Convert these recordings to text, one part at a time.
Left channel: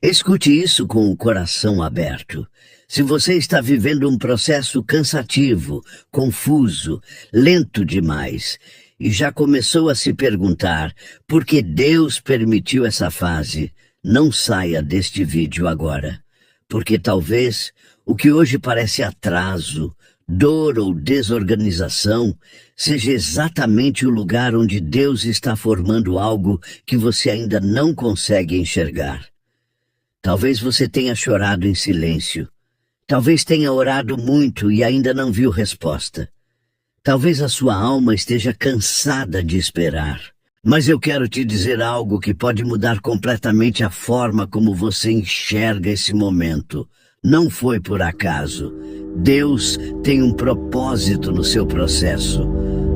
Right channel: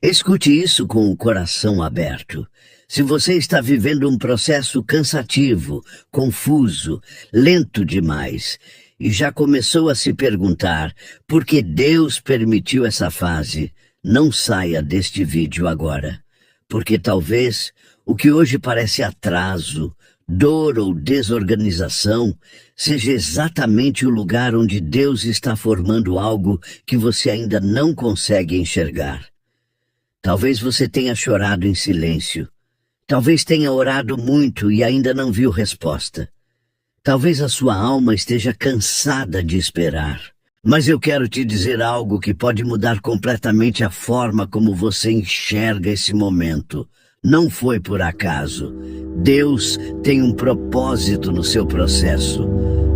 Escute isso com o coração aberto. Se você está vivendo um processo cansativo, confuso, lento demais, e já começou a se perguntar por que Deus permitiu essa fase, não saia deste vídeo agora. Porque talvez o que hoje parece atraso, dor ou desorganização seja exatamente o lugar onde Deus está formando algo que você ainda não consegue enxergar. Talvez você tenha chorado em silêncio. Talvez tenha orado muito e ainda não viu resposta. Talvez a sua alma esteja cansada de esperar. Mas eu quero te dizer algo que pode mudar completamente a forma como você enxerga esse momento. Não foi por acaso. Deus tem um propósito no seu processo.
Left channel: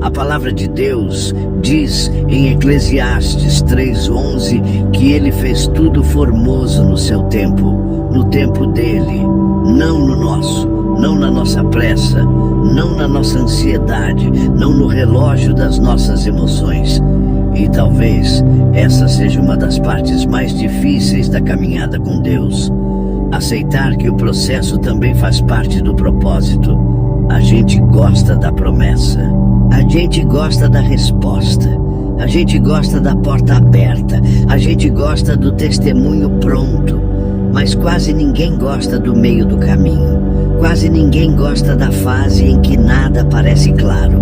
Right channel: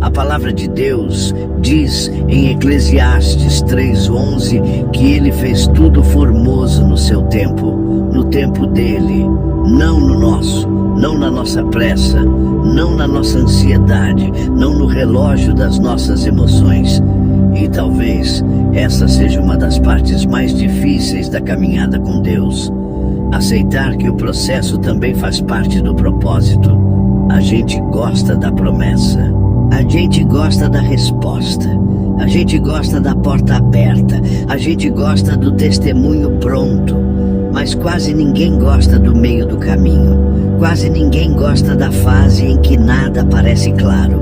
A palavra de Deus diz em Eclesiastes 3:11 que Ele fez tudo formoso no seu tempo, no tempo dele, não no nosso, não na nossa pressa, não na nossa ansiedade, não no relógio das nossas emoções. E talvez essa seja uma das partes mais difíceis da caminhada com Deus. Aceitar que o processo também faz parte do propósito. A gente gosta da promessa. A gente gosta da resposta. A gente gosta da porta aberta. A gente gosta do testemunho pronto. Mas quase ninguém gosta do meio do caminho. Quase ninguém gosta da fase em que nada parece claro.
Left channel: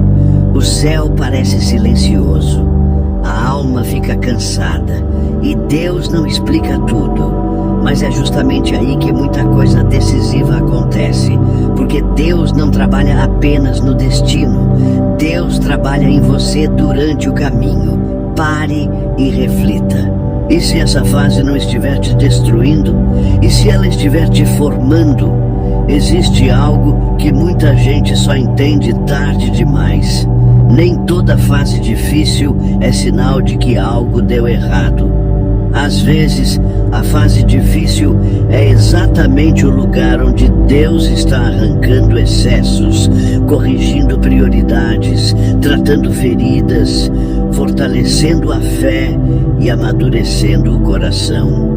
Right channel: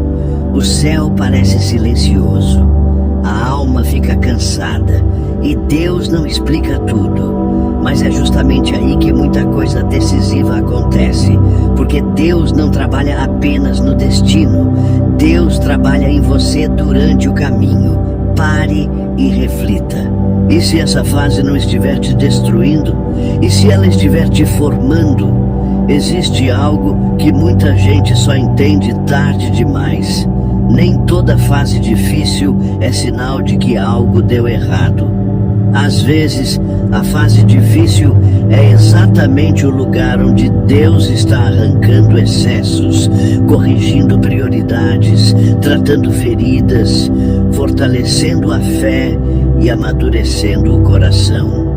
O céu parece silencioso. A alma fica cansada. E Deus não explica tudo. Mas é justamente aí que muita coisa decisiva acontece, porque Deus não trabalha apenas no destino, Deus trabalha em você durante o caminho. Pare e reflita. E se essa fase não estiver te destruindo? E se ela estiver te formando? Existe algo que muita gente só entende tarde demais. Nem toda fase difícil é sinal de que algo deu errado. Às vezes, a fase difícil é exatamente o lugar onde Deus está arrancando excessos, corrigindo prioridades, tratando feridas, fortalecendo a fé e amadurecendo o coração.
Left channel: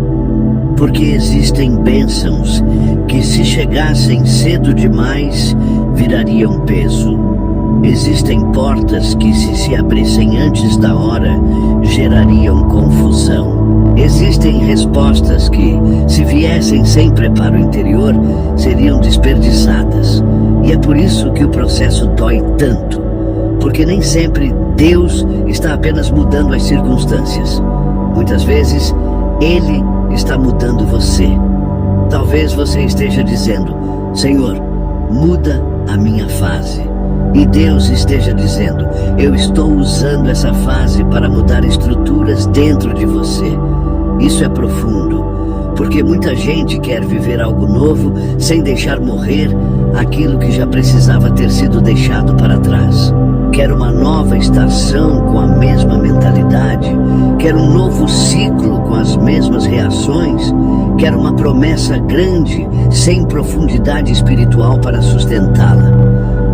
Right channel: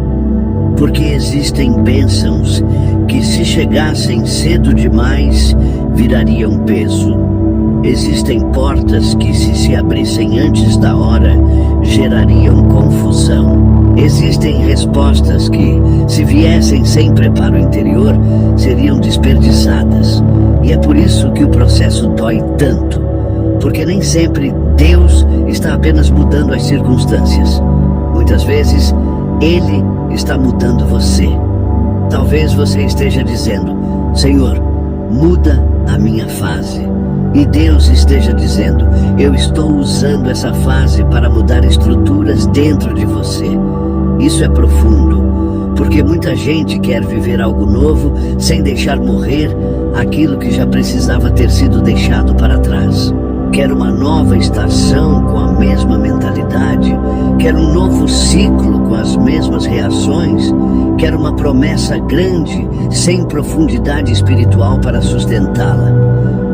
Porque existem bênçãos que, se chegassem cedo demais, virariam peso. Existem portas que, se abrissem antes da hora, gerariam confusão. Existem respostas que, se viessem sem preparo interior, seriam desperdiçadas. E é por isso que o processo dói tanto. Porque nem sempre Deus está apenas mudando as circunstâncias. Muitas vezes, Ele está mudando você. Talvez você esteja dizendo: Senhor, muda a minha fase. E Deus esteja dizendo: eu estou usando essa fase para mudar estruturas dentro de você. Isso é profundo, porque muita gente quer viver algo novo sem deixar morrer aquilo que já precisava ter sido deixado para trás. Quer uma nova estação com a mesma mentalidade, quer um novo ciclo com as mesmas reações, quer uma promessa grande sem profundidade espiritual para sustentá-la.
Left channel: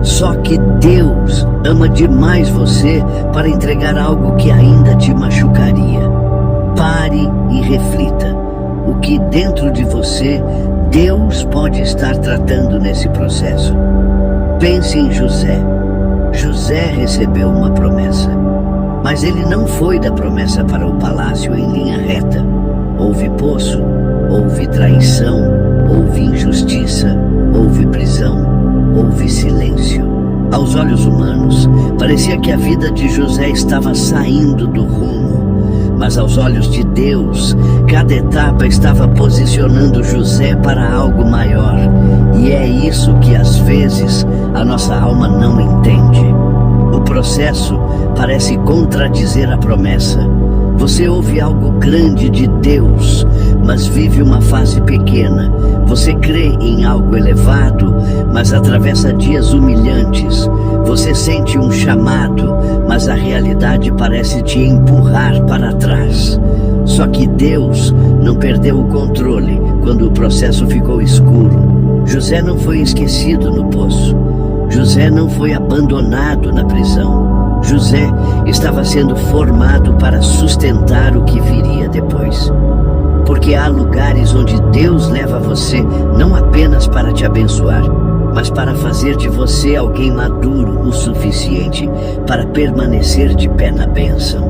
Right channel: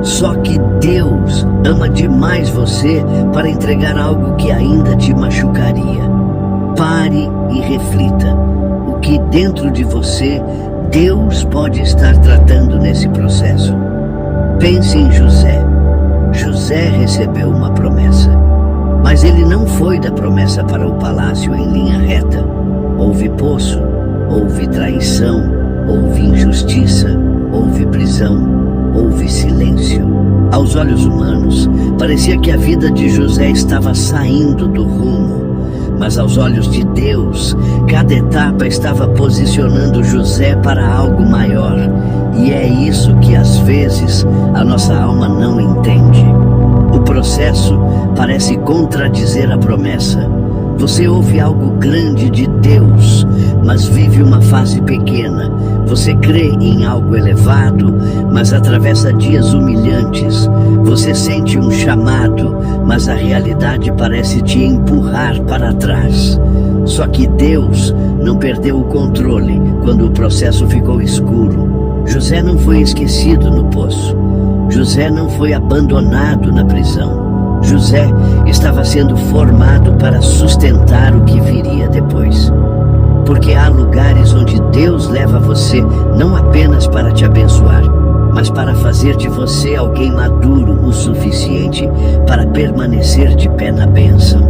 Só que Deus ama demais você para entregar algo que ainda te machucaria. Pare e reflita. O que dentro de você Deus pode estar tratando nesse processo? Pense em José. José recebeu uma promessa, mas ele não foi da promessa para o palácio em linha reta. Houve poço, houve traição, houve injustiça, houve prisão, houve silêncio. Aos olhos humanos, parecia que a vida de José estava saindo do rumo. Mas aos olhos de Deus, cada etapa estava posicionando José para algo maior. E é isso que às vezes a nossa alma não entende. O processo parece contradizer a promessa. Você ouve algo grande de Deus, mas vive uma fase pequena. Você crê em algo elevado, mas atravessa dias humilhantes. Você sente um chamado, mas a realidade parece te empurrar para trás. Só que Deus não perdeu o controle quando o processo ficou escuro. José não foi esquecido no poço. José não foi abandonado na prisão. José estava sendo formado para sustentar o que viria depois. Porque há lugares onde Deus leva você não apenas para te abençoar, mas para fazer de você alguém maduro o suficiente para permanecer de pé na bênção.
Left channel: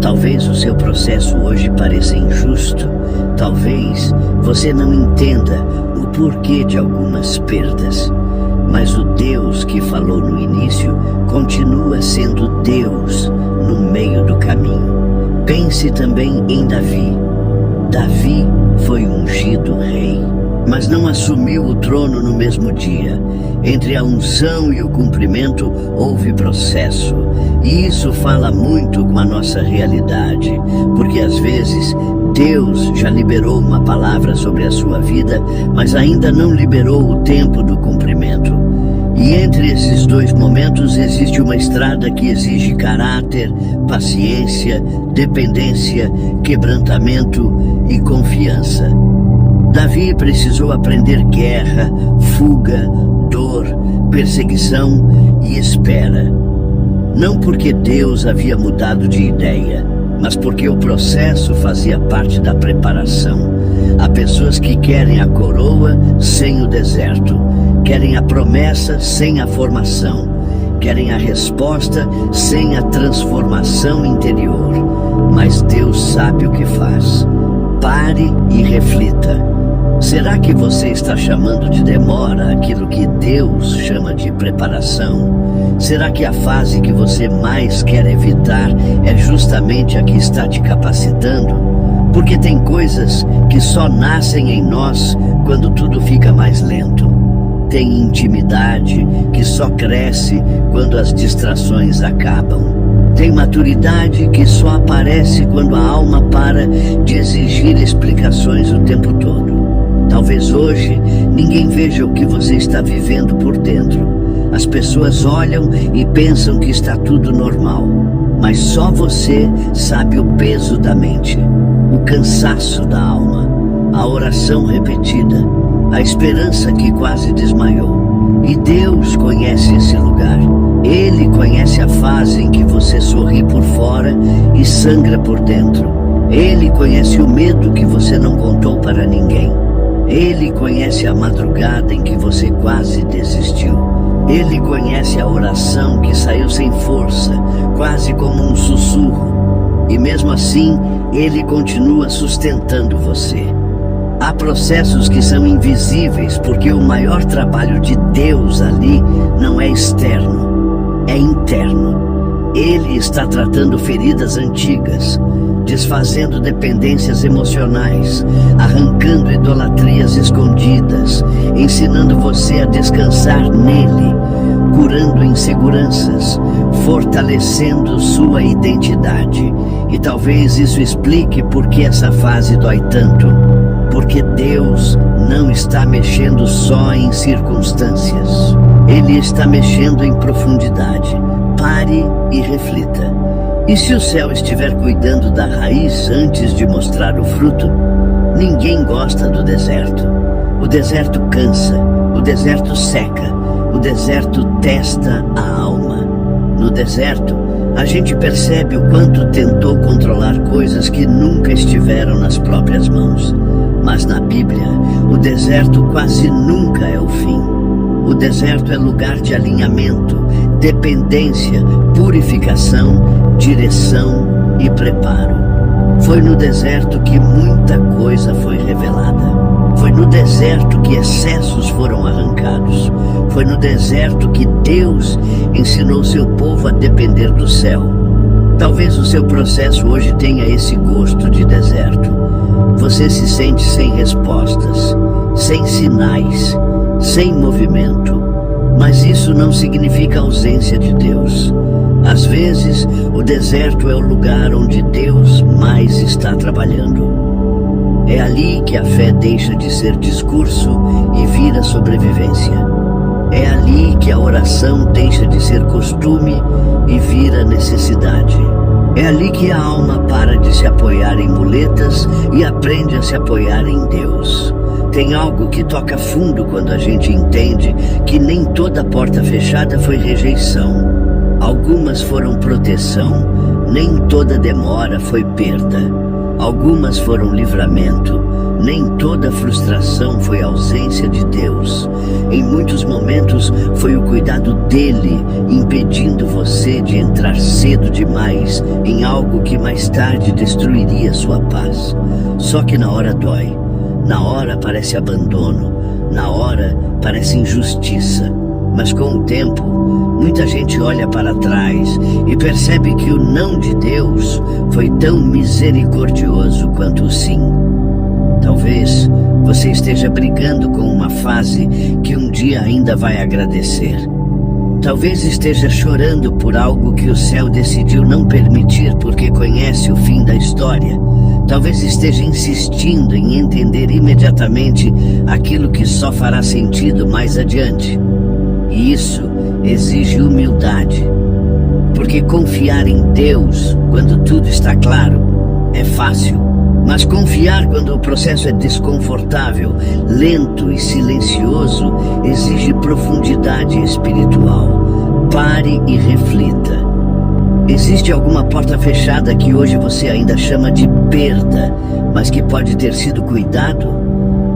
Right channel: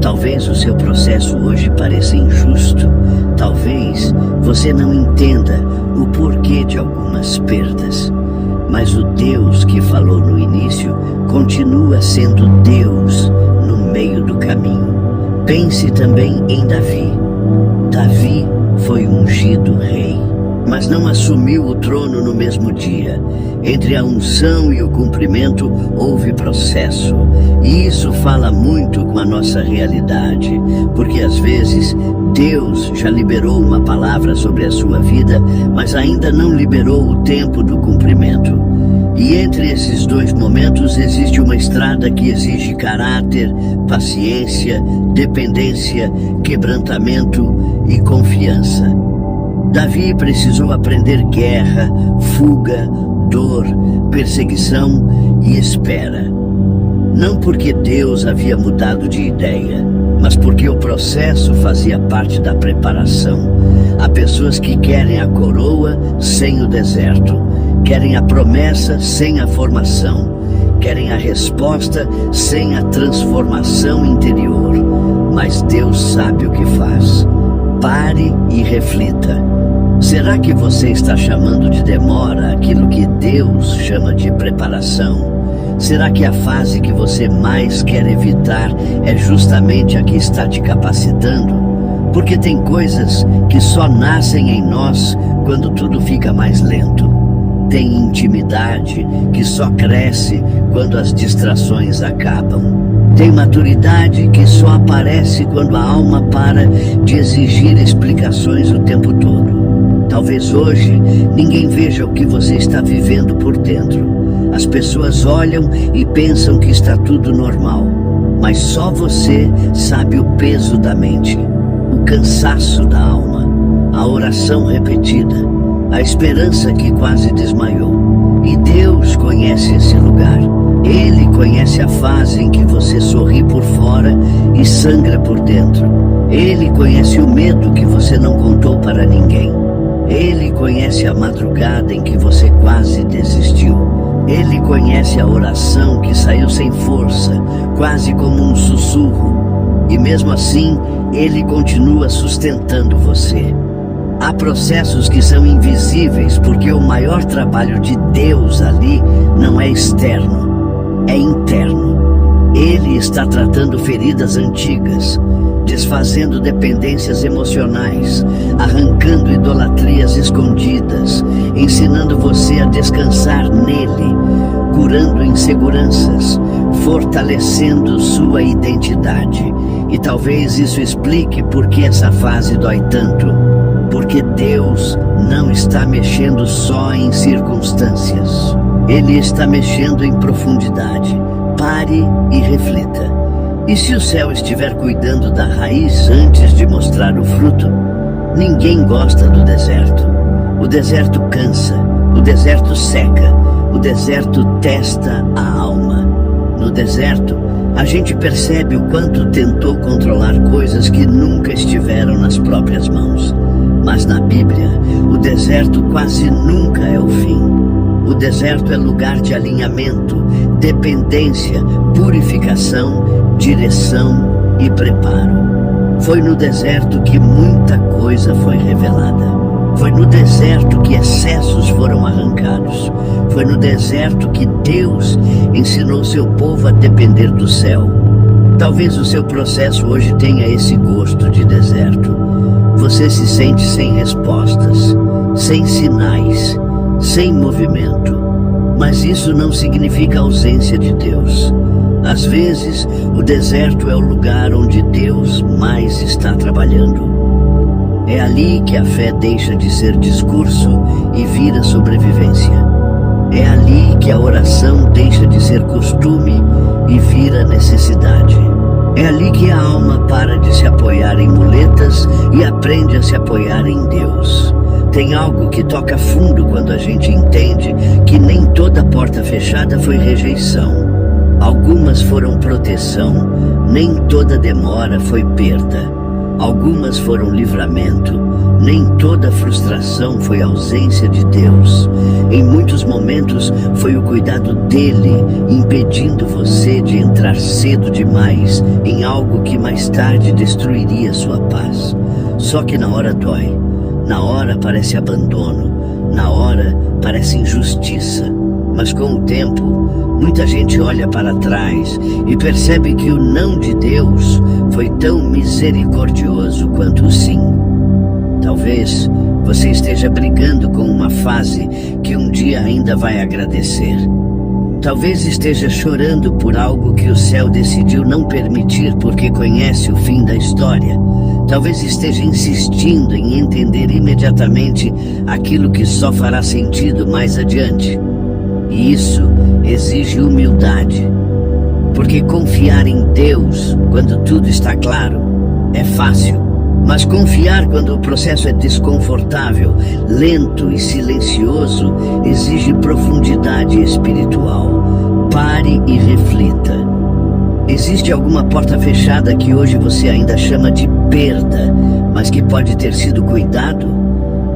Talvez o seu processo hoje pareça injusto. Talvez você não entenda o porquê de algumas perdas. Mas o Deus que falou no início continua sendo Deus no meio do caminho. Pense também em Davi. Davi foi ungido rei, mas não assumiu o trono no mesmo dia. Entre a unção e o cumprimento houve processo. E isso fala muito com a nossa realidade, porque às vezes Deus já liberou uma palavra sobre a sua vida, mas ainda não liberou o tempo do cumprimento. E entre esses dois momentos existe uma estrada que exige caráter, paciência, dependência, quebrantamento e confiança. Davi precisou aprender guerra, fuga, dor, perseguição e espera. Não porque Deus havia mudado de ideia, mas porque o processo fazia parte da preparação. Há pessoas que querem a coroa sem o deserto, querem a promessa sem a formação, querem a resposta sem a transformação interior. Mas Deus sabe o que faz. Pare e reflita. Será que você está chamando de demora aquilo que Deus chama de preparação? Será que a fase que você mais quer evitar é justamente a que está te capacitando? Porque tem coisas que só nascem em nós quando tudo fica mais lento. Tem intimidade que só cresce quando as distrações acabam. Tem maturidade que só aparece quando a alma para de exigir explicações o tempo todo. Talvez hoje ninguém veja o que você está vivendo por dentro. As pessoas olham e pensam que está tudo normal, mas só você sabe o peso da mente, o cansaço da alma, a oração repetida, a esperança que quase desmaiou. E Deus conhece esse lugar. Ele conhece a fase em que você sorri por fora e sangra por dentro. Ele conhece o medo que você não contou para ninguém. Ele conhece a madrugada em que você quase desistiu. Ele conhece a oração que saiu sem força, quase como um sussurro. E mesmo assim, Ele continua sustentando você. Há processos que são invisíveis porque o maior trabalho de Deus ali não é externo, é interno. Ele está tratando feridas antigas, desfazendo dependências emocionais, arrancando idolatrias escondidas, ensinando você a descansar nele, curando inseguranças, fortalecendo sua identidade. E talvez isso explique por que essa fase dói tanto. Porque Deus não está mexendo só em circunstâncias. Ele está mexendo em profundidade. Pare e reflita. E se o céu estiver cuidando da raiz antes de mostrar o fruto? Ninguém gosta do deserto. O deserto cansa, o deserto seca, o deserto testa a alma. No deserto, a gente percebe o quanto tentou controlar coisas que nunca estiveram nas próprias mãos. Mas na Bíblia, o deserto quase nunca é o fim. O deserto é lugar de alinhamento, dependência, purificação, direção e preparo. Foi no deserto que muita coisa foi revelada. Foi no deserto que excessos foram arrancados. Foi no deserto que Deus ensinou seu povo a depender do céu. Talvez o seu processo hoje tenha esse gosto de deserto. Você se sente sem respostas, sem sinais, sem movimento. Mas isso não significa ausência de Deus. Às vezes, o deserto é o lugar onde Deus mais está trabalhando. É ali que a fé deixa de ser discurso e vira sobrevivência. É ali que a oração deixa de ser costume e vira necessidade. É ali que a alma para de se apoiar em muletas e aprende a se apoiar em Deus. Tem algo que toca fundo quando a gente entende que nem toda porta fechada foi rejeição. Algumas foram proteção, nem toda demora foi perda. Algumas foram livramento. Nem toda frustração foi ausência de Deus. Em muitos momentos foi o cuidado dele impedindo você de entrar cedo demais em algo que mais tarde destruiria sua paz. Só que na hora dói. Na hora parece abandono. Na hora parece injustiça. Mas com o tempo, muita gente olha para trás e percebe que o não de Deus foi tão misericordioso quanto o sim. Talvez você esteja brigando com uma fase que um dia ainda vai agradecer. Talvez esteja chorando por algo que o céu decidiu não permitir porque conhece o fim da história. Talvez esteja insistindo em entender imediatamente aquilo que só fará sentido mais adiante. E isso exige humildade, porque confiar em Deus quando tudo está claro é fácil. Mas confiar quando o processo é desconfortável, lento e silencioso, exige profundidade espiritual. Pare e reflita. Existe alguma porta fechada que hoje você ainda chama de perda, mas que pode ter sido cuidado?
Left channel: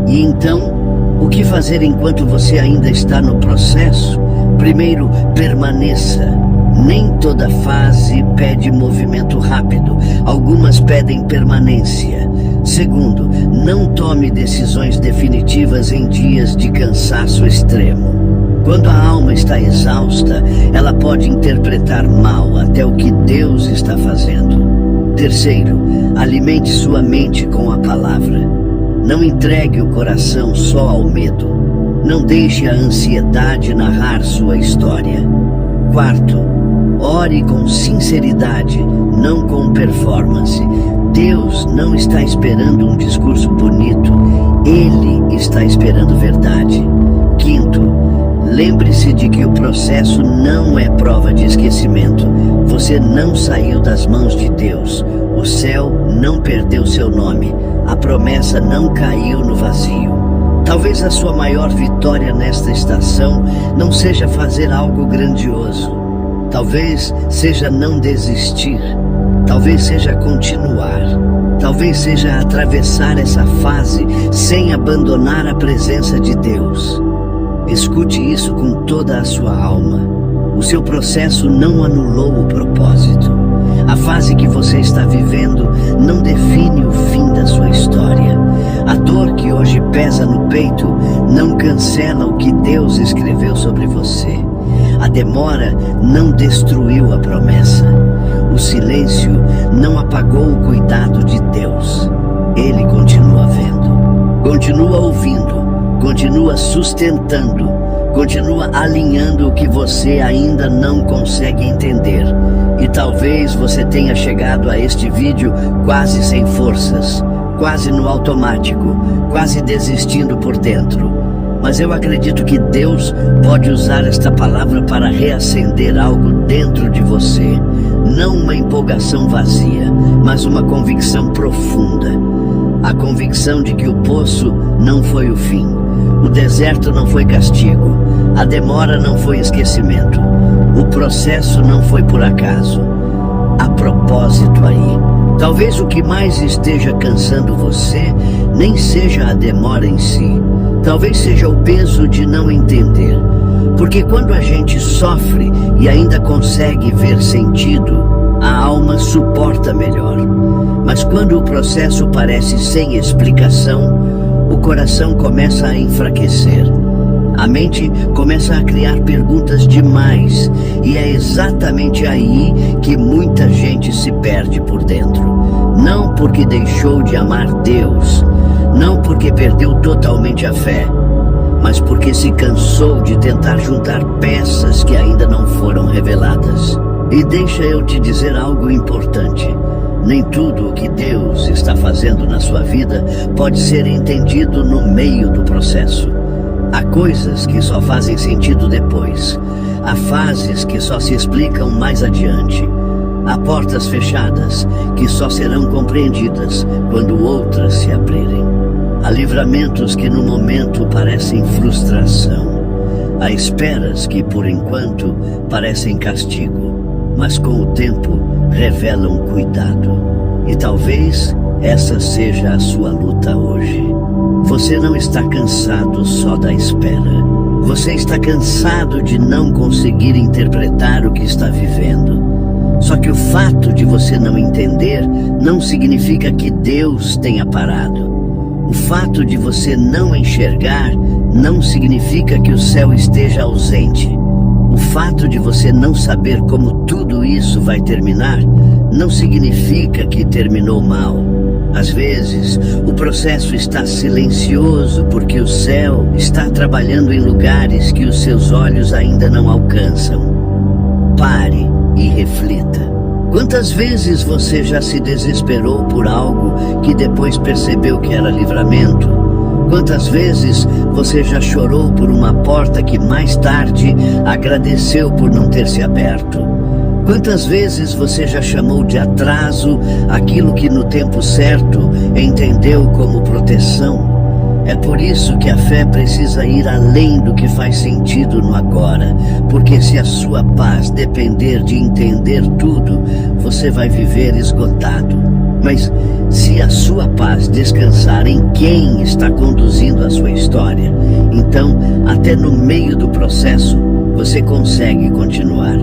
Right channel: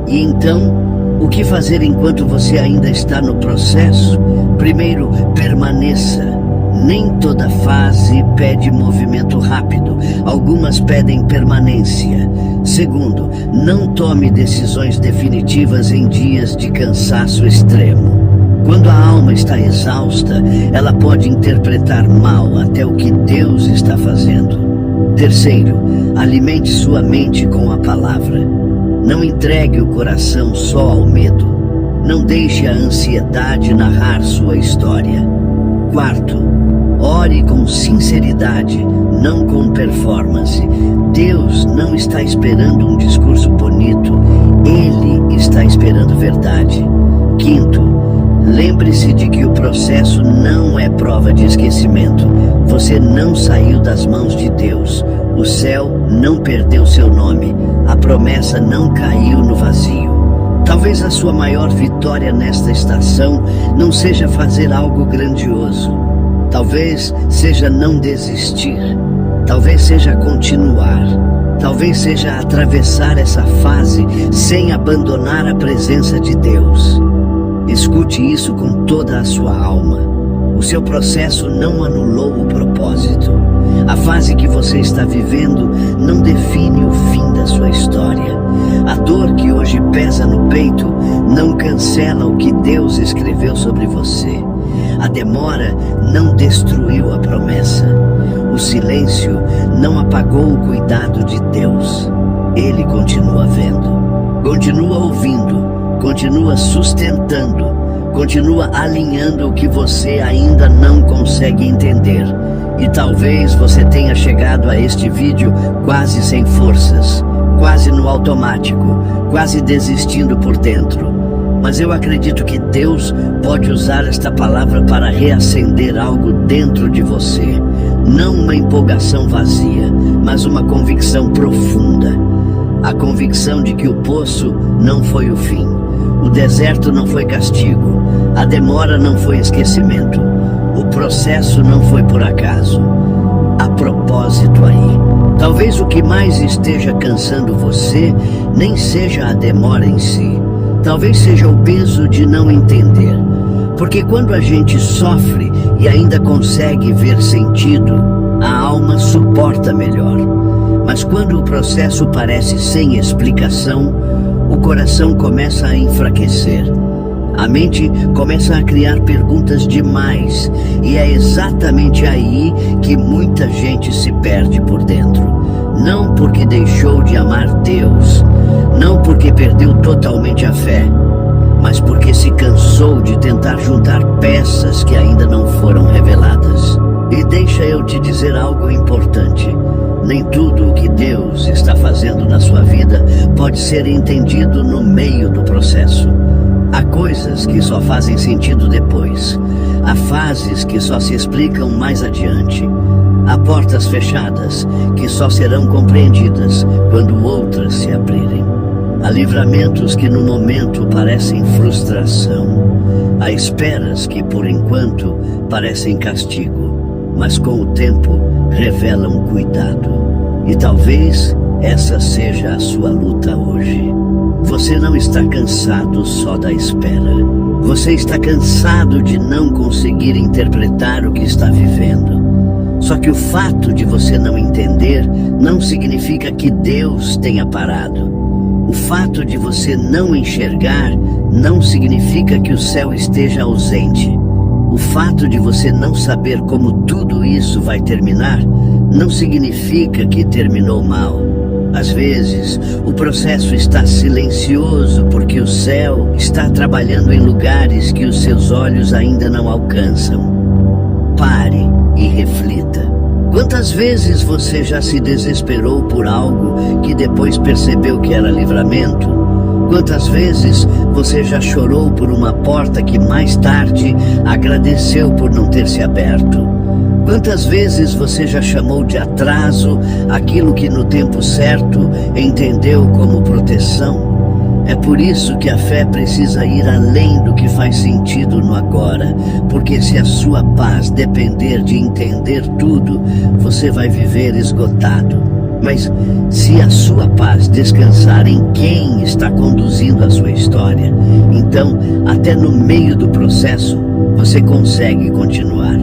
E então, o que fazer enquanto você ainda está no processo? Primeiro, permaneça. Nem toda fase pede movimento rápido. Algumas pedem permanência. Segundo, não tome decisões definitivas em dias de cansaço extremo. Quando a alma está exausta, ela pode interpretar mal até o que Deus está fazendo. Terceiro, alimente sua mente com a palavra. Não entregue o coração só ao medo. Não deixe a ansiedade narrar sua história. Quarto, ore com sinceridade, não com performance. Deus não está esperando um discurso bonito. Ele está esperando verdade. Quinto, lembre-se de que o processo não é prova de esquecimento. Você não saiu das mãos de Deus. O céu não perdeu seu nome. A promessa não caiu no vazio. Talvez a sua maior vitória nesta estação não seja fazer algo grandioso. Talvez seja não desistir. Talvez seja continuar. Talvez seja atravessar essa fase sem abandonar a presença de Deus. Escute isso com toda a sua alma. O seu processo não anulou o propósito. A fase que você está vivendo não define o fim da sua história. A dor que hoje pesa no peito não cancela o que Deus escreveu sobre você. A demora não destruiu a promessa. O silêncio não apagou o cuidado de Deus. Ele continua vendo, continua ouvindo, continua sustentando, continua alinhando o que você ainda não consegue entender. E talvez você tenha chegado a este vídeo quase sem forças, quase no automático, quase desistindo por dentro. Mas eu acredito que Deus pode usar esta palavra para reacender algo dentro de você. Não uma empolgação vazia, mas uma convicção profunda. A convicção de que o poço não foi o fim. O deserto não foi castigo. A demora não foi esquecimento. O processo não foi por acaso. Há propósito aí. Talvez o que mais esteja cansando você nem seja a demora em si. Talvez seja o peso de não entender. Porque quando a gente sofre e ainda consegue ver sentido, a alma suporta melhor. Mas quando o processo parece sem explicação, o coração começa a enfraquecer. A mente começa a criar perguntas demais. E é exatamente aí que muita gente se perde por dentro. Não porque deixou de amar Deus, não porque perdeu totalmente a fé, mas porque se cansou de tentar juntar peças que ainda não foram reveladas. E deixa eu te dizer algo importante. Nem tudo o que Deus está fazendo na sua vida pode ser entendido no meio do processo. Há coisas que só fazem sentido depois. Há fases que só se explicam mais adiante. Há portas fechadas que só serão compreendidas quando outras se abrirem. Há livramentos que no momento parecem frustração. Há esperas que por enquanto parecem castigo, mas com o tempo revelam cuidado. E talvez essa seja a sua luta hoje. Você não está cansado só da espera. Você está cansado de não conseguir interpretar o que está vivendo. Só que o fato de você não entender não significa que Deus tenha parado. O fato de você não enxergar não significa que o céu esteja ausente. O fato de você não saber como tudo isso vai terminar não significa que terminou mal. Às vezes, o processo está silencioso porque o céu está trabalhando em lugares que os seus olhos ainda não alcançam. Pare e reflita. Quantas vezes você já se desesperou por algo que depois percebeu que era livramento? Quantas vezes você já chorou por uma porta que mais tarde agradeceu por não ter se aberto? Quantas vezes você já chamou de atraso aquilo que no tempo certo entendeu como proteção? É por isso que a fé precisa ir além do que faz sentido no agora, porque se a sua paz depender de entender tudo, você vai viver esgotado. Mas se a sua paz descansar em quem está conduzindo a sua história, então, até no meio do processo, você consegue continuar.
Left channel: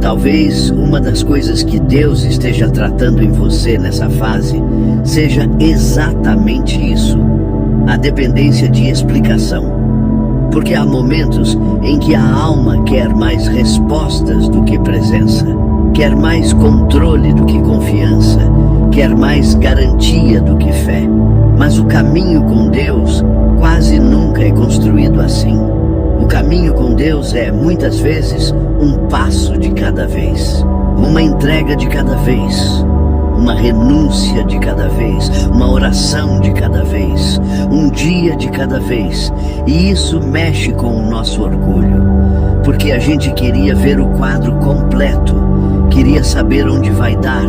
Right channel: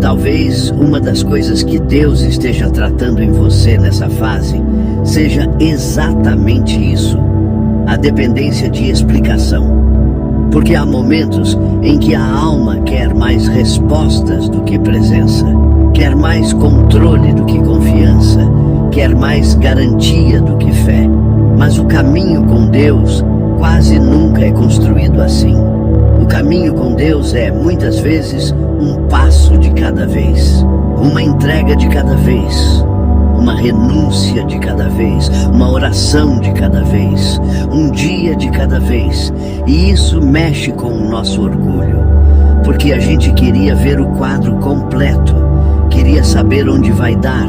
Talvez uma das coisas que Deus esteja tratando em você nessa fase seja exatamente isso: a dependência de explicação. Porque há momentos em que a alma quer mais respostas do que presença, quer mais controle do que confiança, quer mais garantia do que fé. Mas o caminho com Deus quase nunca é construído assim. O caminho com Deus é, muitas vezes, um passo de cada vez, uma entrega de cada vez, uma renúncia de cada vez, uma oração de cada vez, um dia de cada vez. E isso mexe com o nosso orgulho, porque a gente queria ver o quadro completo, queria saber onde vai dar,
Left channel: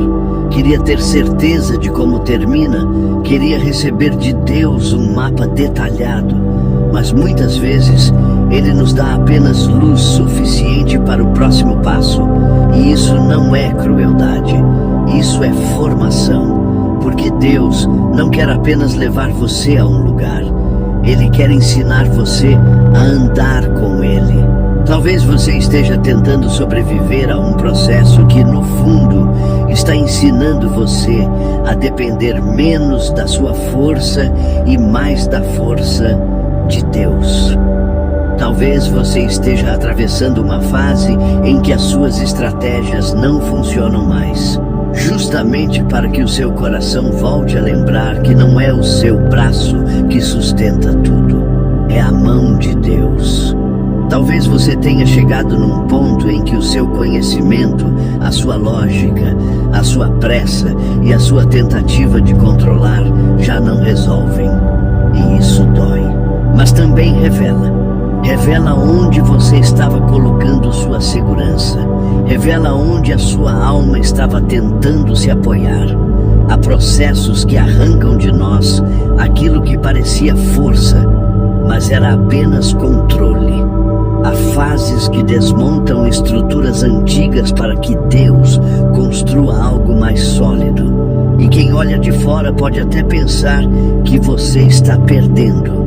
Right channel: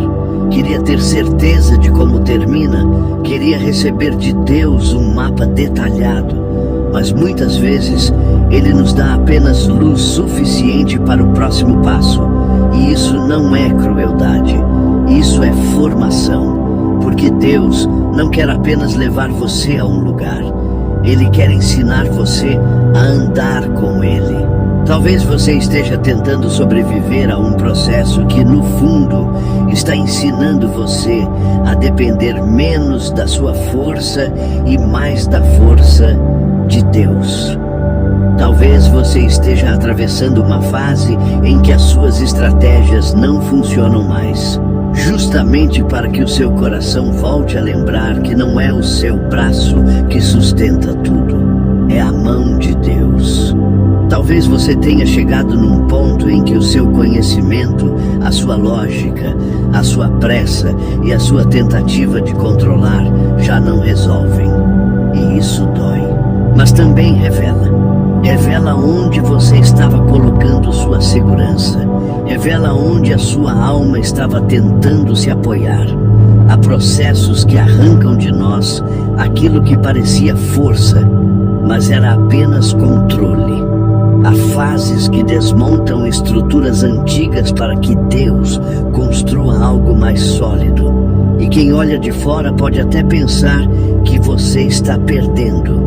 queria ter certeza de como termina, queria receber de Deus um mapa detalhado. Mas muitas vezes Ele nos dá apenas luz suficiente para o próximo passo. E isso não é crueldade, isso é formação. Porque Deus não quer apenas levar você a um lugar, Ele quer ensinar você a andar com Ele. Talvez você esteja tentando sobreviver a um processo que, no fundo, está ensinando você a depender menos da sua força e mais da força de Deus. Talvez você esteja atravessando uma fase em que as suas estratégias não funcionam mais, justamente para que o seu coração volte a lembrar que não é o seu braço que sustenta tudo, é a mão de Deus. Talvez você tenha chegado num ponto em que o seu conhecimento, a sua lógica, a sua pressa e a sua tentativa de controlar já não resolvem. E isso dói. Mas também revela onde você estava colocando sua segurança, revela onde a sua alma estava tentando se apoiar. Há processos que arrancam de nós aquilo que parecia força, mas era apenas controle. Há fases que desmontam estruturas antigas para que Deus construa algo mais sólido. E quem olha de fora pode até pensar que você está perdendo.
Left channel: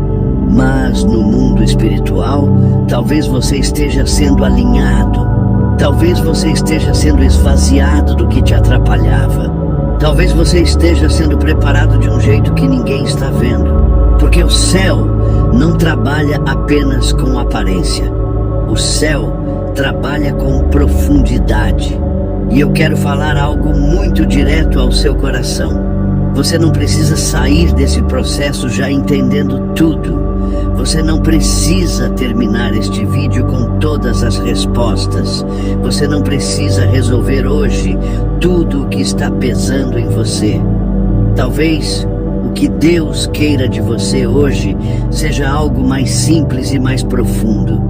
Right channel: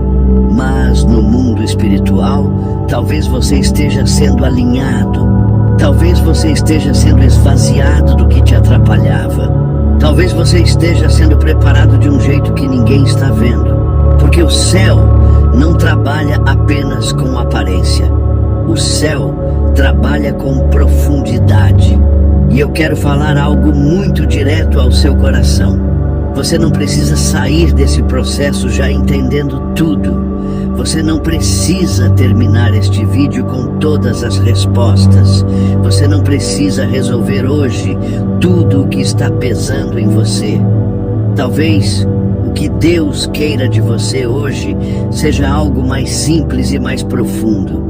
Mas no mundo espiritual, talvez você esteja sendo alinhado. Talvez você esteja sendo esvaziado do que te atrapalhava. Talvez você esteja sendo preparado de um jeito que ninguém está vendo. Porque o céu não trabalha apenas com aparência. O céu trabalha com profundidade. E eu quero falar algo muito direto ao seu coração. Você não precisa sair desse processo já entendendo tudo. Você não precisa terminar este vídeo com todas as respostas. Você não precisa resolver hoje tudo o que está pesando em você. Talvez o que Deus queira de você hoje seja algo mais simples e mais profundo.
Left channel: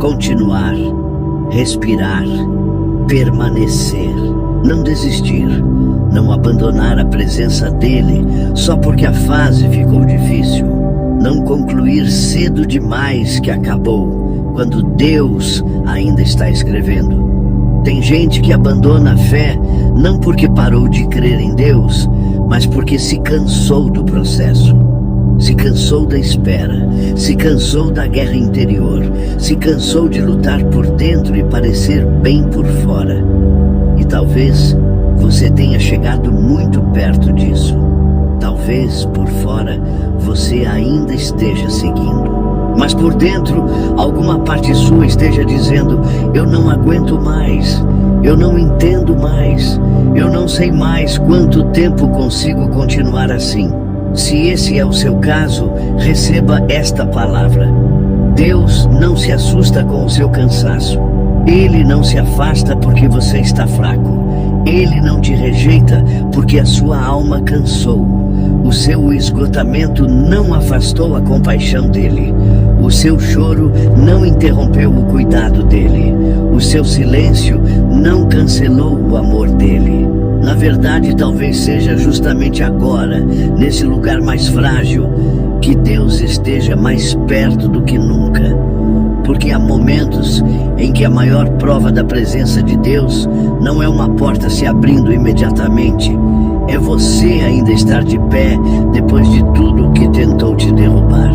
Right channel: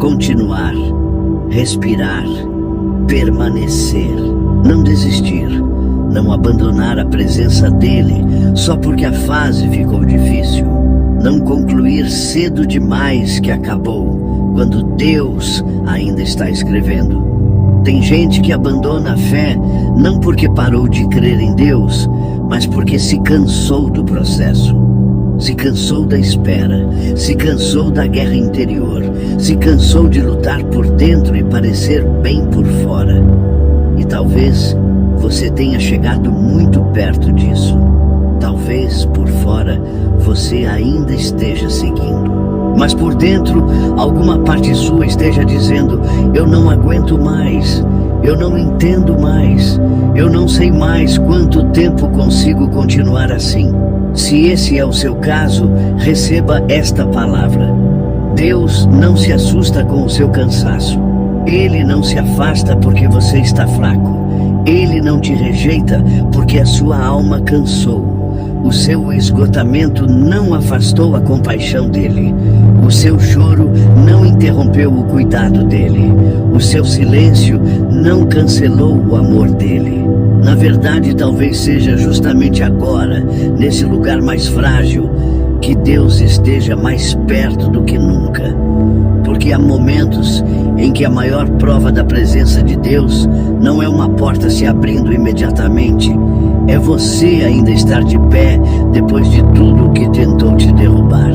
Continuar, respirar, permanecer, não desistir, não abandonar a presença dele só porque a fase ficou difícil. Não concluir cedo demais que acabou, quando Deus ainda está escrevendo. Tem gente que abandona a fé não porque parou de crer em Deus, mas porque se cansou do processo. Se cansou da espera, se cansou da guerra interior, se cansou de lutar por dentro e parecer bem por fora. E talvez você tenha chegado muito perto disso. Talvez por fora você ainda esteja seguindo. Mas por dentro, alguma parte sua esteja dizendo: eu não aguento mais, eu não entendo mais, eu não sei mais quanto tempo consigo continuar assim. Se esse é o seu caso, receba esta palavra: Deus não se assusta com o seu cansaço. Ele não se afasta porque você está fraco. Ele não te rejeita porque a sua alma cansou. O seu esgotamento não afastou a compaixão dele. O seu choro não interrompeu o cuidado dele. O seu silêncio não cancelou o amor dele. Na verdade, talvez seja justamente agora, nesse lugar mais frágil, que Deus esteja mais perto do que nunca. Porque há momentos em que a maior prova da presença de Deus não é uma porta se abrindo imediatamente. É você ainda estar de pé depois de tudo que tentou te derrubar.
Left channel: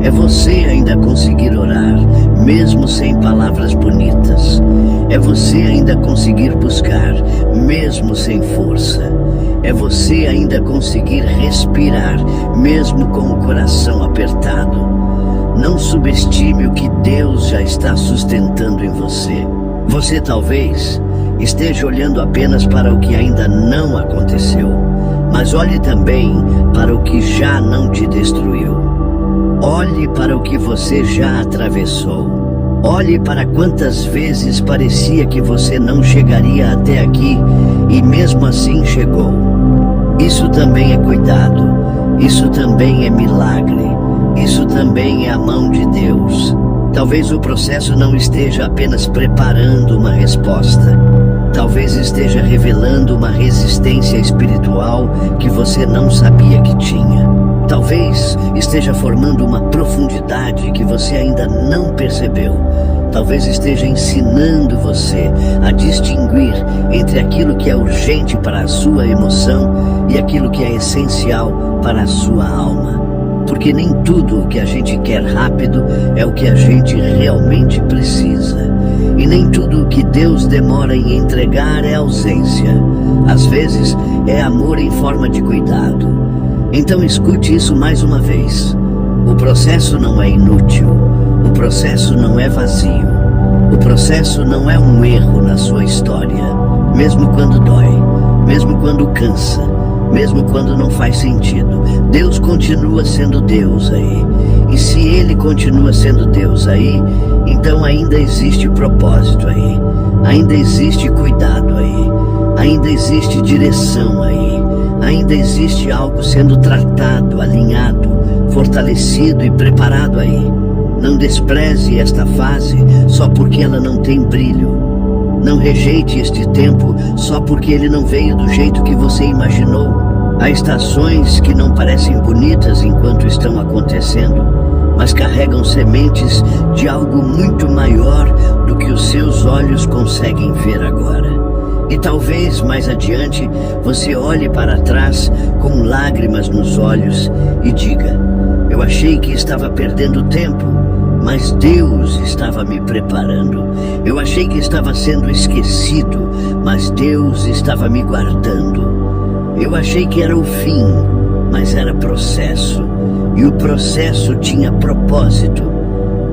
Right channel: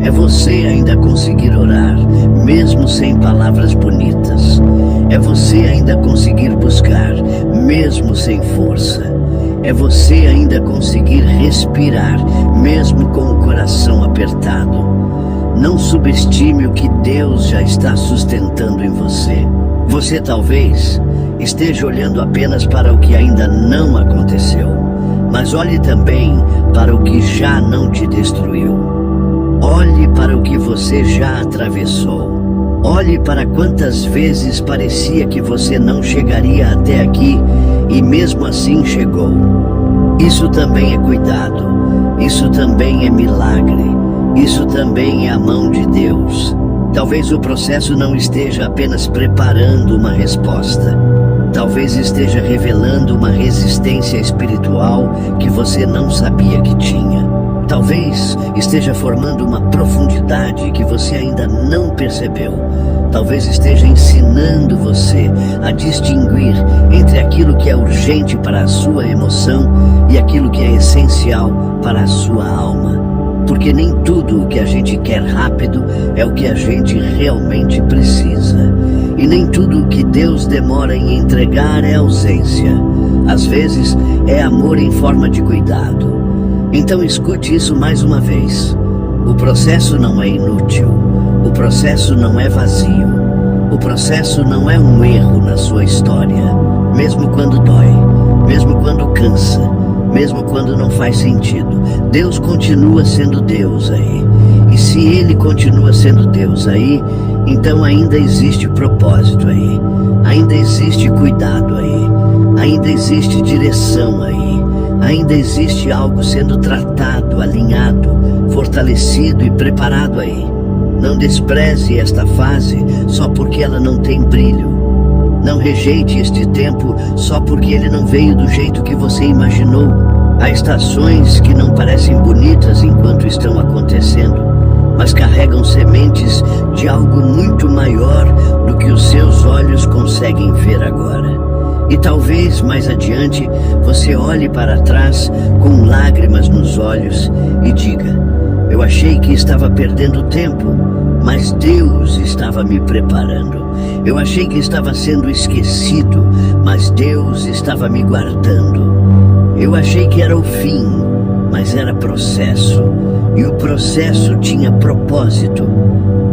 É você ainda conseguir orar, mesmo sem palavras bonitas. É você ainda conseguir buscar, mesmo sem força. É você ainda conseguir respirar, mesmo com o coração apertado. Não subestime o que Deus já está sustentando em você. Você talvez esteja olhando apenas para o que ainda não aconteceu, mas olhe também para o que já não te destruiu. Olhe para o que você já atravessou. Olhe para quantas vezes parecia que você não chegaria até aqui e mesmo assim chegou. Isso também é cuidado. Isso também é milagre. Isso também é a mão de Deus. Talvez o processo não esteja apenas preparando uma resposta. Talvez esteja revelando uma resistência espiritual que você não sabia que tinha. Talvez esteja formando uma profundidade que você ainda não percebeu. Talvez esteja ensinando você a distinguir entre aquilo que é urgente para a sua emoção e aquilo que é essencial para a sua alma. Porque nem tudo o que a gente quer rápido é o que a gente realmente precisa. E nem tudo o que Deus demora em entregar é ausência. Às vezes é amor em forma de cuidado. Então escute isso mais uma vez. O processo não é inútil. O processo não é vazio. O processo não é um erro na sua história. Mesmo quando dói, mesmo quando cansa, mesmo quando não faz sentido, Deus continua sendo Deus aí. E se Ele continua sendo Deus aí, então ainda existe propósito aí. Ainda existe cuidado aí. Ainda existe direção aí. Ainda existe algo sendo tratado, alinhado, fortalecido e preparado aí. Não despreze esta fase só porque ela não tem brilho. Não rejeite este tempo só porque ele não veio do jeito que você imaginou. Há estações que não parecem bonitas enquanto estão acontecendo, mas carregam sementes de algo muito maior do que os seus olhos conseguem ver agora. E talvez mais adiante você olhe para trás com lágrimas nos olhos e diga: eu achei que estava perdendo tempo, mas Deus estava me preparando. Eu achei que estava sendo esquecido, mas Deus estava me guardando. Eu achei que era o fim, mas era processo. E o processo tinha propósito.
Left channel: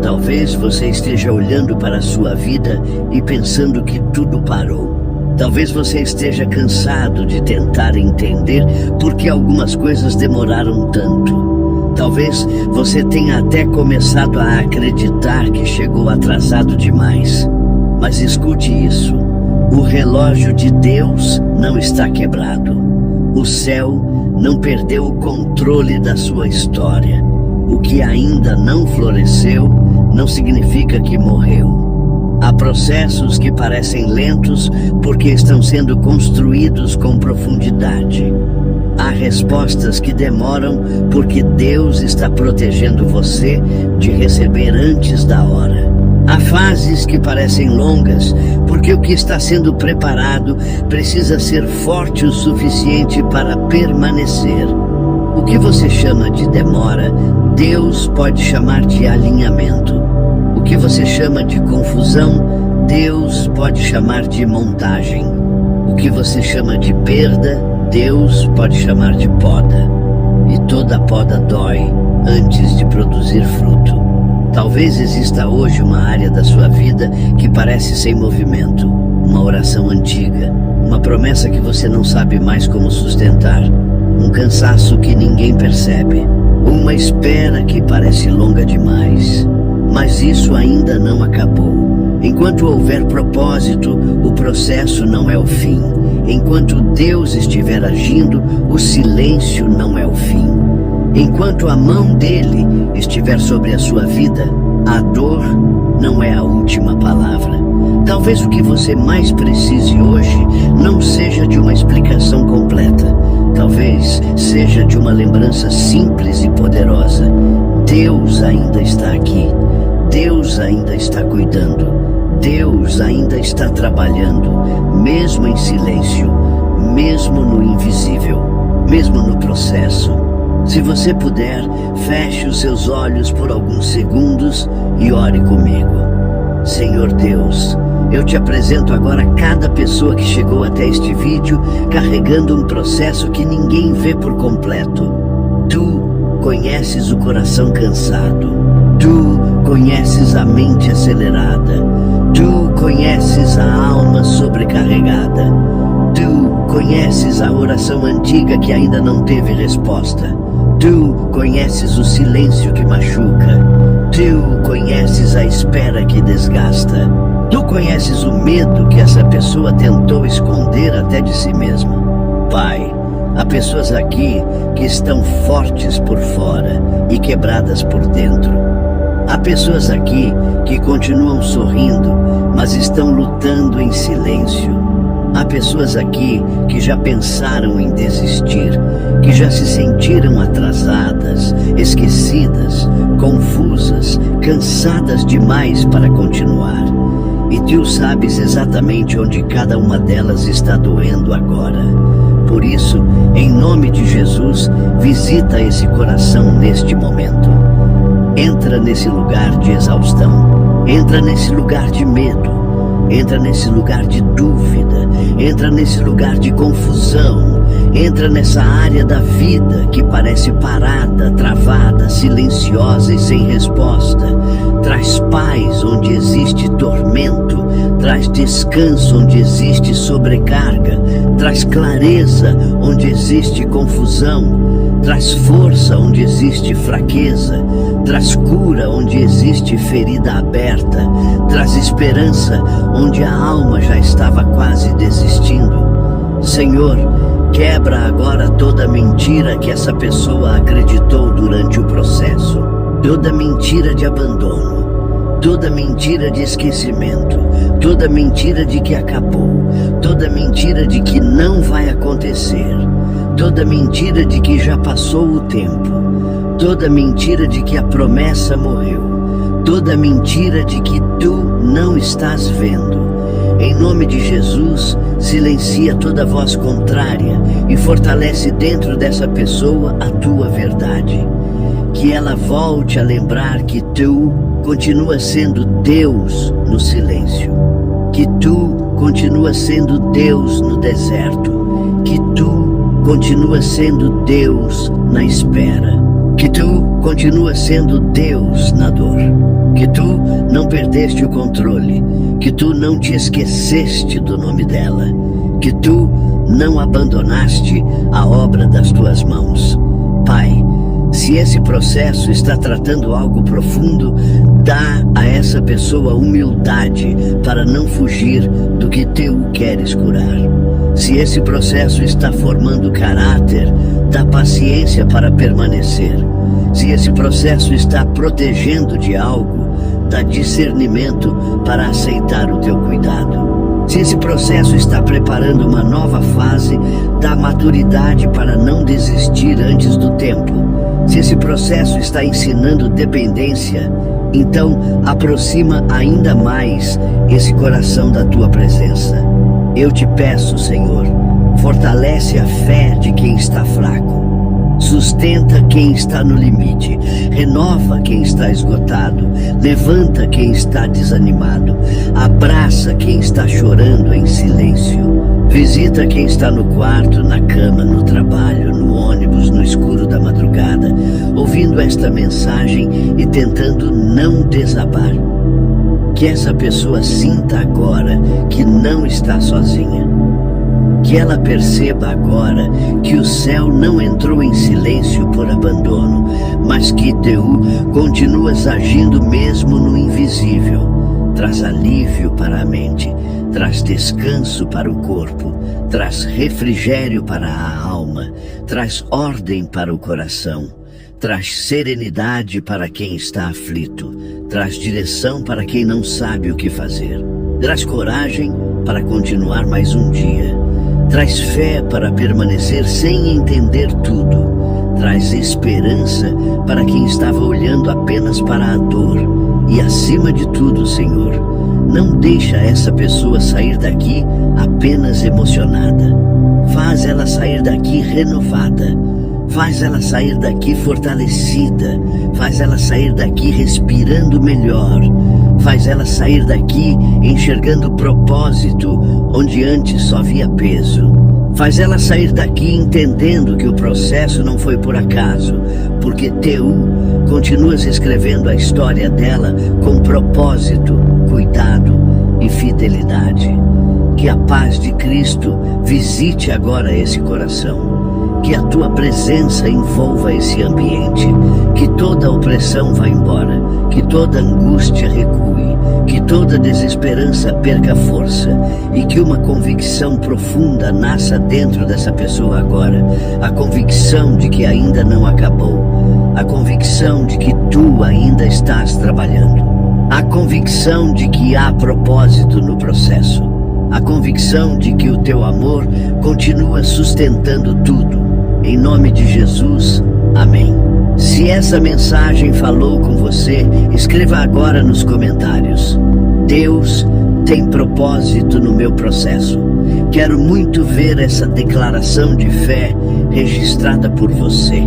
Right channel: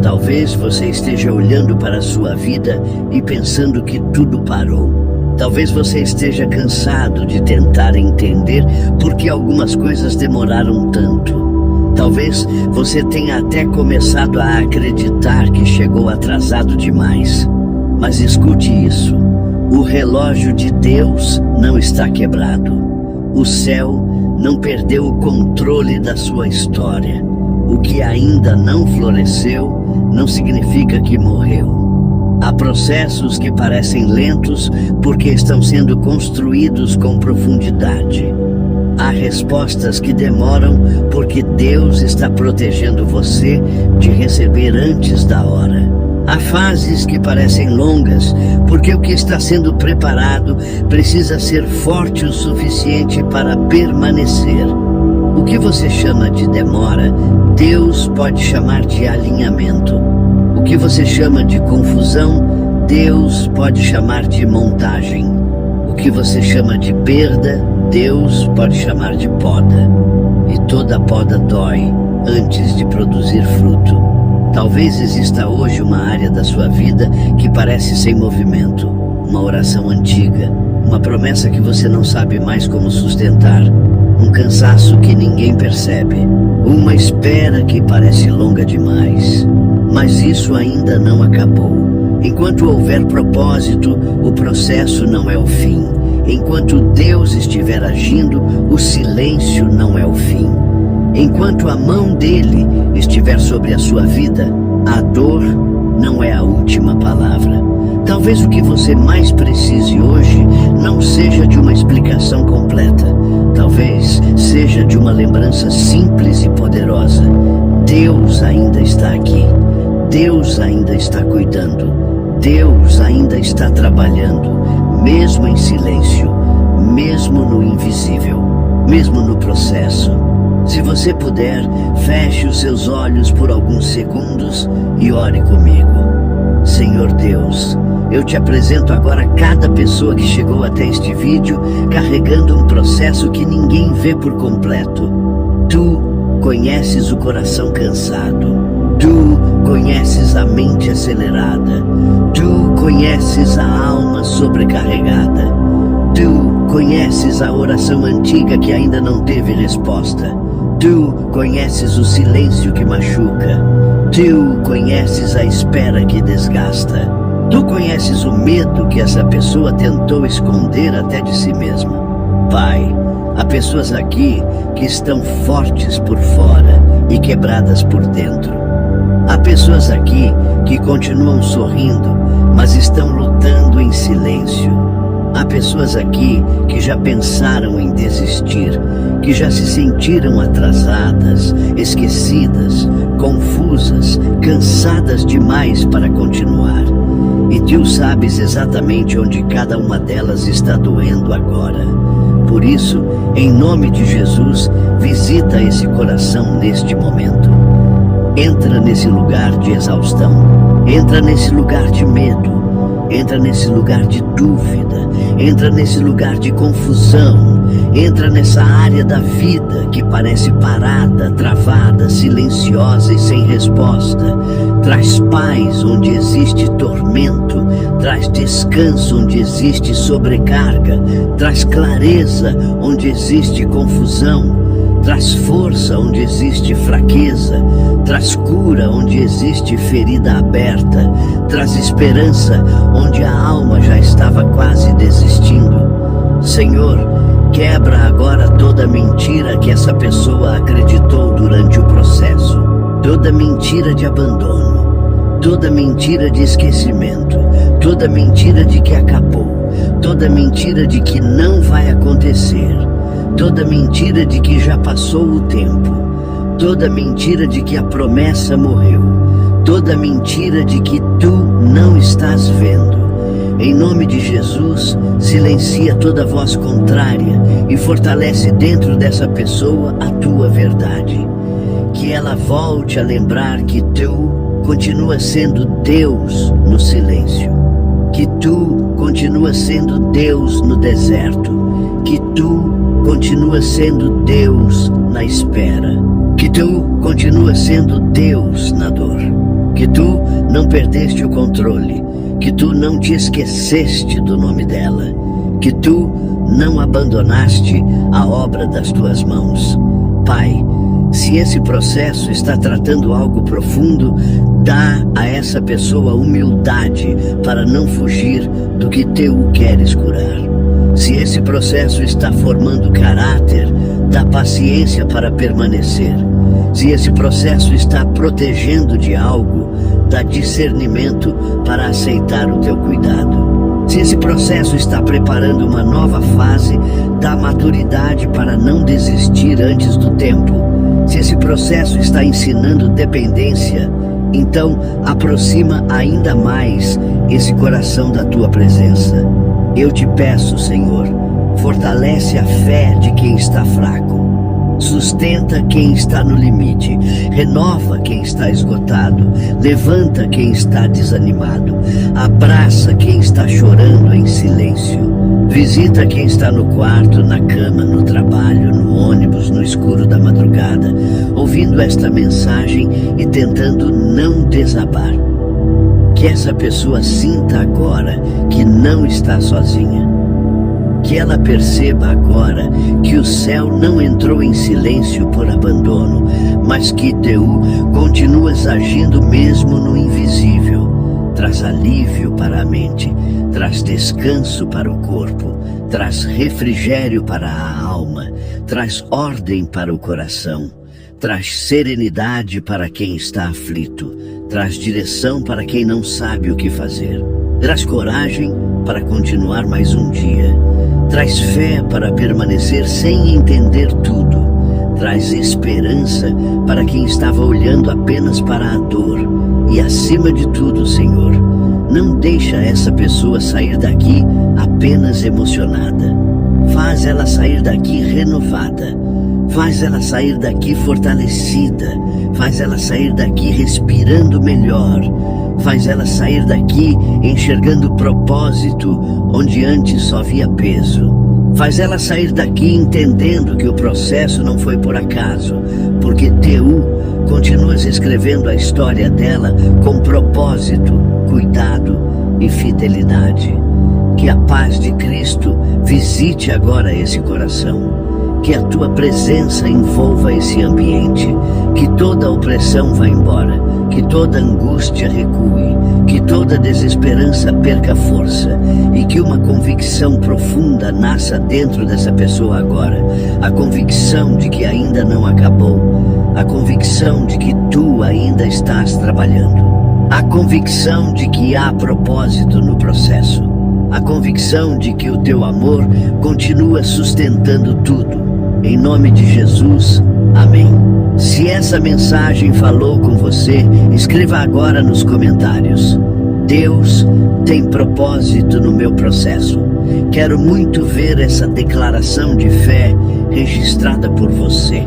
Talvez você esteja olhando para a sua vida e pensando que tudo parou. Talvez você esteja cansado de tentar entender por que algumas coisas demoraram tanto. Talvez você tenha até começado a acreditar que chegou atrasado demais. Mas escute isso: o relógio de Deus não está quebrado. O céu não perdeu o controle da sua história. O que ainda não floresceu não significa que morreu. Há processos que parecem lentos porque estão sendo construídos com profundidade. Há respostas que demoram porque Deus está protegendo você de receber antes da hora. Há fases que parecem longas, porque o que está sendo preparado precisa ser forte o suficiente para permanecer. O que você chama de demora, Deus pode chamar de alinhamento. O que você chama de confusão, Deus pode chamar de montagem. O que você chama de perda, Deus pode chamar de poda. E toda poda dói antes de produzir fruto. Talvez exista hoje uma área da sua vida que parece sem movimento, uma oração antiga, uma promessa que você não sabe mais como sustentar, um cansaço que ninguém percebe, uma espera que parece longa demais. Mas isso ainda não acabou. Enquanto houver propósito, o processo não é o fim. Enquanto Deus estiver agindo, o silêncio não é o fim. Enquanto a mão dele estiver sobre a sua vida, a dor não é a última palavra. Talvez o que você mais precise hoje não seja de uma explicação completa. Talvez seja de uma lembrança simples e poderosa. Deus ainda está aqui. Deus ainda está cuidando. Deus ainda está trabalhando, mesmo em silêncio, mesmo no invisível, mesmo no processo. Se você puder, feche os seus olhos por alguns segundos e ore comigo. Senhor Deus, eu te apresento agora cada pessoa que chegou até este vídeo carregando um processo que ninguém vê por completo. Tu conheces o coração cansado. Tu conheces a mente acelerada. Tu conheces a alma sobrecarregada. Tu conheces a oração antiga que ainda não teve resposta. Tu conheces o silêncio que machuca. Tu conheces a espera que desgasta. Tu conheces o medo que essa pessoa tentou esconder até de si mesmo. Pai, há pessoas aqui que estão fortes por fora e quebradas por dentro. Há pessoas aqui que continuam sorrindo, mas estão lutando em silêncio. Há pessoas aqui que já pensaram em desistir, que já se sentiram atrasadas, esquecidas, confusas, cansadas demais para continuar. E tu sabes exatamente onde cada uma delas está doendo agora. Por isso, em nome de Jesus, visita esse coração neste momento. Entra nesse lugar de exaustão, entra nesse lugar de medo, entra nesse lugar de dúvida, entra nesse lugar de confusão, entra nessa área da vida que parece parada, travada, silenciosa e sem resposta. Traz paz onde existe tormento, traz descanso onde existe sobrecarga, traz clareza onde existe confusão. Traz força onde existe fraqueza, traz cura onde existe ferida aberta, traz esperança onde a alma já estava quase desistindo. Senhor, quebra agora toda mentira que essa pessoa acreditou durante o processo, toda mentira de abandono, toda mentira de esquecimento, toda mentira de que acabou, toda mentira de que não vai acontecer. Toda mentira de que já passou o tempo, toda mentira de que a promessa morreu, toda mentira de que tu não estás vendo. Em nome de Jesus, silencia toda voz contrária e fortalece dentro dessa pessoa a tua verdade. Que ela volte a lembrar que tu continua sendo Deus no silêncio, que tu continua sendo Deus no deserto, que tu continua sendo Deus na espera, que tu continua sendo Deus na dor, que tu não perdeste o controle, que tu não te esqueceste do nome dela, que tu não abandonaste a obra das tuas mãos. Pai, se esse processo está tratando algo profundo, dá a essa pessoa humildade para não fugir do que teu queres curar. Se esse processo está formando caráter, dá paciência para permanecer. Se esse processo está protegendo de algo, dá discernimento para aceitar o teu cuidado. Se esse processo está preparando uma nova fase, dá maturidade para não desistir antes do tempo. Se esse processo está ensinando dependência, Então, aproxima ainda mais esse coração da tua presença. Eu te peço, Senhor, fortalece a fé de quem está fraco. Sustenta quem está no limite, renova quem está esgotado, levanta quem está desanimado, abraça quem está chorando em silêncio, visita quem está no quarto, na cama, no trabalho, no ônibus, no escuro da madrugada, ouvindo esta mensagem e tentando não desabar. Que essa pessoa sinta agora que não está sozinha. Que ela perceba agora que o céu não entrou em silêncio por abandono, mas que Teu continuas agindo mesmo no invisível. Traz alívio para a mente, traz descanso para o corpo, traz refrigério para a alma, traz ordem para o coração, traz serenidade para quem está aflito, traz direção para quem não sabe o que fazer, traz coragem para continuar mais um dia. Traz fé para permanecer sem entender tudo. Traz esperança para quem estava olhando apenas para a dor. E acima de tudo, Senhor, não deixa essa pessoa sair daqui apenas emocionada. Faz ela sair daqui renovada. Faz ela sair daqui fortalecida. Faz ela sair daqui respirando melhor. Faz ela sair daqui enxergando propósito, onde antes só via peso. Faz ela sair daqui entendendo que o processo não foi por acaso, porque Teu continuas escrevendo a história dela com propósito, cuidado e fidelidade. Que a paz de Cristo visite agora esse coração. Que a Tua presença envolva esse ambiente, que toda opressão vá embora, que toda angústia recue, que toda desesperança perca força e que uma convicção profunda nasça dentro dessa pessoa agora, a convicção de que ainda não acabou, a convicção de que Tu ainda estás trabalhando, a convicção de que há propósito no processo, a convicção de que o Teu amor continua sustentando tudo. Em nome de Jesus, amém. Se essa mensagem falou com você, escreva agora nos comentários: Deus tem propósito no meu processo. Quero muito ver essa declaração de fé registrada por você.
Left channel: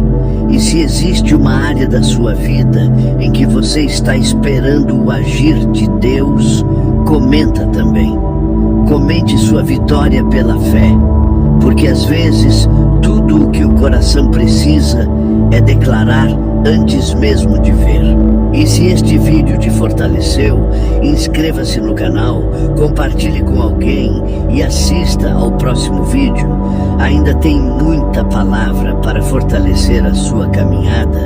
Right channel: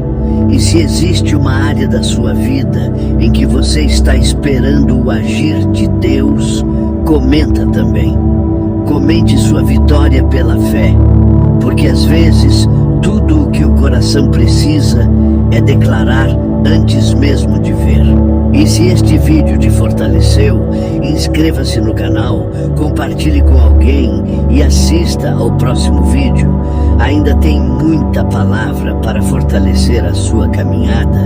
E se existe uma área da sua vida em que você está esperando o agir de Deus, comenta também. Comente sua vitória pela fé, porque às vezes tudo o que o coração precisa é declarar antes mesmo de ver. E se este vídeo te fortaleceu, inscreva-se no canal, compartilhe com alguém e assista ao próximo vídeo. Ainda tem muita palavra para fortalecer a sua caminhada.